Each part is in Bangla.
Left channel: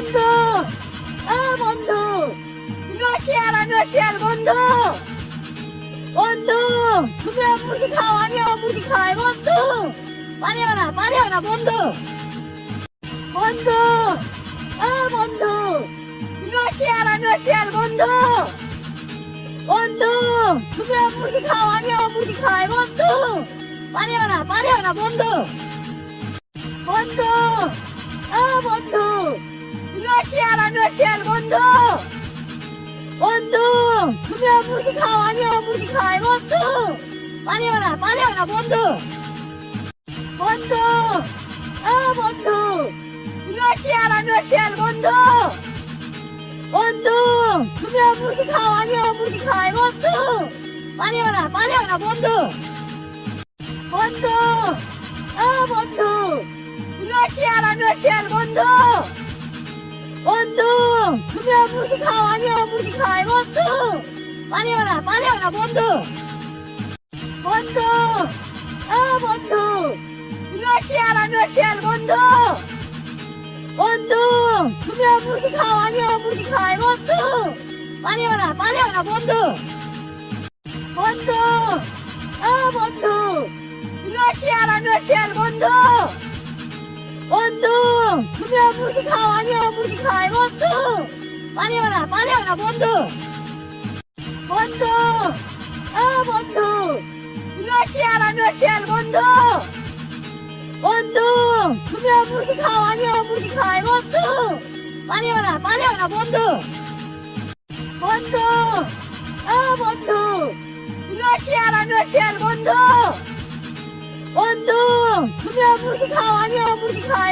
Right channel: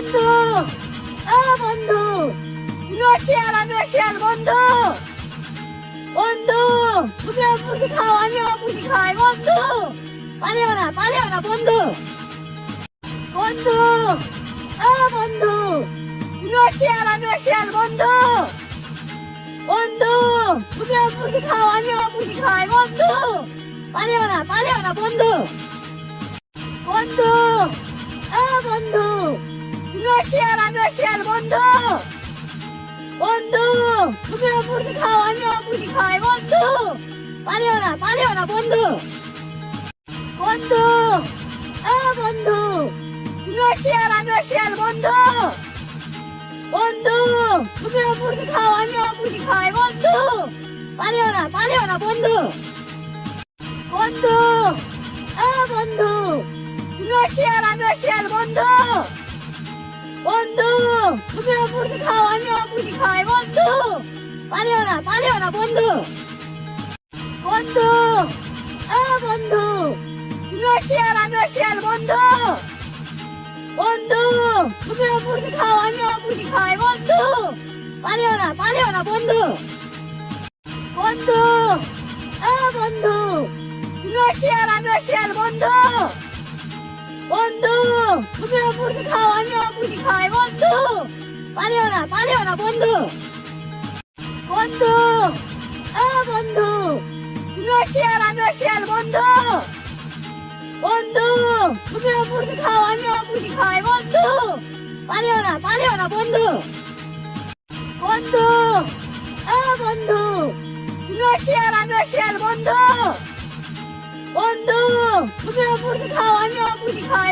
বন্ধু ও বন্ধু তুমিও শিয়াল আমিও শিয়াল বন্ধু বন্ধু তুমি মুরগি খাও আমিও মুরগি খাই বন্ধু পারিও না পারিও না বন্ধু বন্ধু ও বন্ধু তুমিও শিয়াল আমিও শিয়াল বন্ধু বন্ধু তুমি মুরগি খাও আমিও মুরগি খাই বন্ধু পারিও না পারিও না বন্ধু বন্ধু ও বন্ধু তুমিও শিয়াল আমিও শিয়াল বন্ধু। বন্ধু, তুমি মুরগি খাও, আমিও মুরগি খাই, বন্ধু। পারিও না পারিও না, বন্ধু। বন্ধু বন্ধু। তুমিও শিয়াল আমিও শিয়াল বন্ধু। বন্ধু, তুমি মুরগি খাও, আমিও মুরগি খাই, বন্ধু। পারিও না পারিও না, বন্ধু। বন্ধু বন্ধু তুমি মুরগি খাও আমিও মুরগি খাই বন্ধু পারিও না পারিও না বন্ধু বন্ধু ও বন্ধু তুমিও শিয়াল আমিও শিয়াল বন্ধু বন্ধু তুমি মুরগি খাও আমিও মুরগি খাই বন্ধু পারিও না পারিও না বন্ধু বন্ধু তুমি মুরগি খাও আমিও মুরগি খাই। বন্ধু পারিও না পারিও না, বন্ধু। বন্ধু বন্ধু। তুমিও শিয়াল আমিও শিয়াল বন্ধু। বন্ধু, তুমি মুরগি খাও আমিও মুরগি খাই, বন্ধু। পারিও না পারিও না, বন্ধু। বন্ধু বন্ধু। তুমিও শিয়াল আমিও শিয়াল বন্ধু। বন্ধু, তুমি মুরগি খাও আমিও মুরগি খাই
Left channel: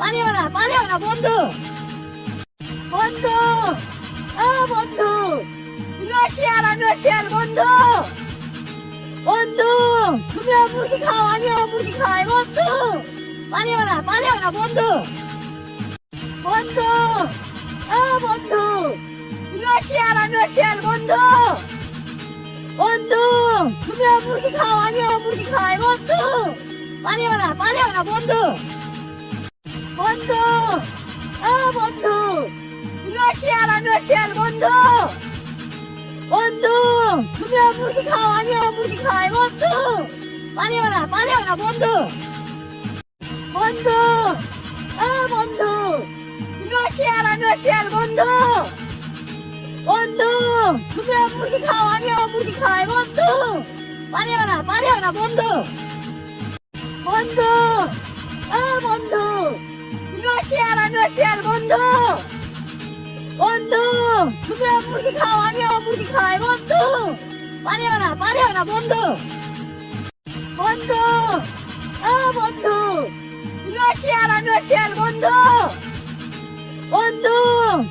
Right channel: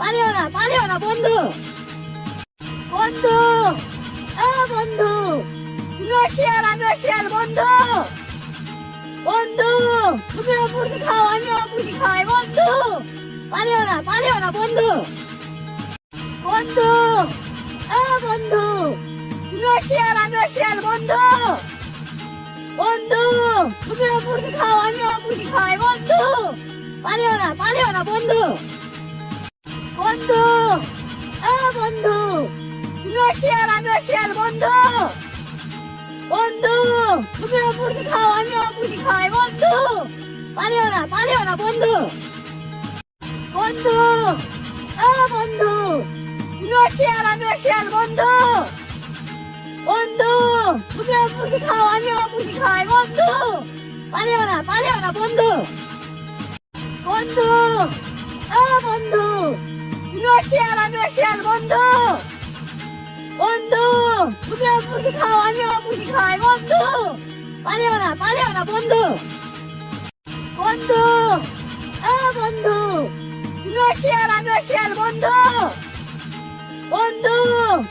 পারিও না পারিও না, বন্ধু। বন্ধু বন্ধু তুমিও শিয়াল আমিও শিয়াল বন্ধু। বন্ধু তুমি মুরগি খাও, আমিও মুরগি খাই, বন্ধু। পারিও না পারিও না, বন্ধু। বন্ধু বন্ধু তুমিও শিয়াল আমিও বন্ধু। বন্ধু তুমি মুরগি খাও, আমিও মুরগি খাই, বন্ধু। পারিও না, বন্ধু। বন্ধু। তুমিও শিয়াল আমিও শিয়াল বন্ধু। বন্ধু, তুমি মুরগি খাও আমিও মুরগি খাই, বন্ধু। পারিও না পারিও না, বন্ধু। বন্ধু, ও বন্ধু তুমিও শিয়াল আমিও শিয়াল বন্ধু। বন্ধু, তুমি মুরগি খাও আমিও মুরগি খাই, বন্ধু। পারিও না পারিও না, বন্ধু। বন্ধু, ও বন্ধু। তুমিও শিয়াল আমি শিয়াল বন্ধু। বন্ধু, তুমি মুরগি খাও, আমি মুরগি খাই, বন্ধু। পারিও না পারিও না, বন্ধু। বন্ধু বন্ধু। তুমি শিয়াল আমি শিয়াল বন্ধু। বন্ধু,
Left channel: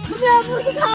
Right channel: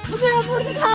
তুমি মুরগি খাও।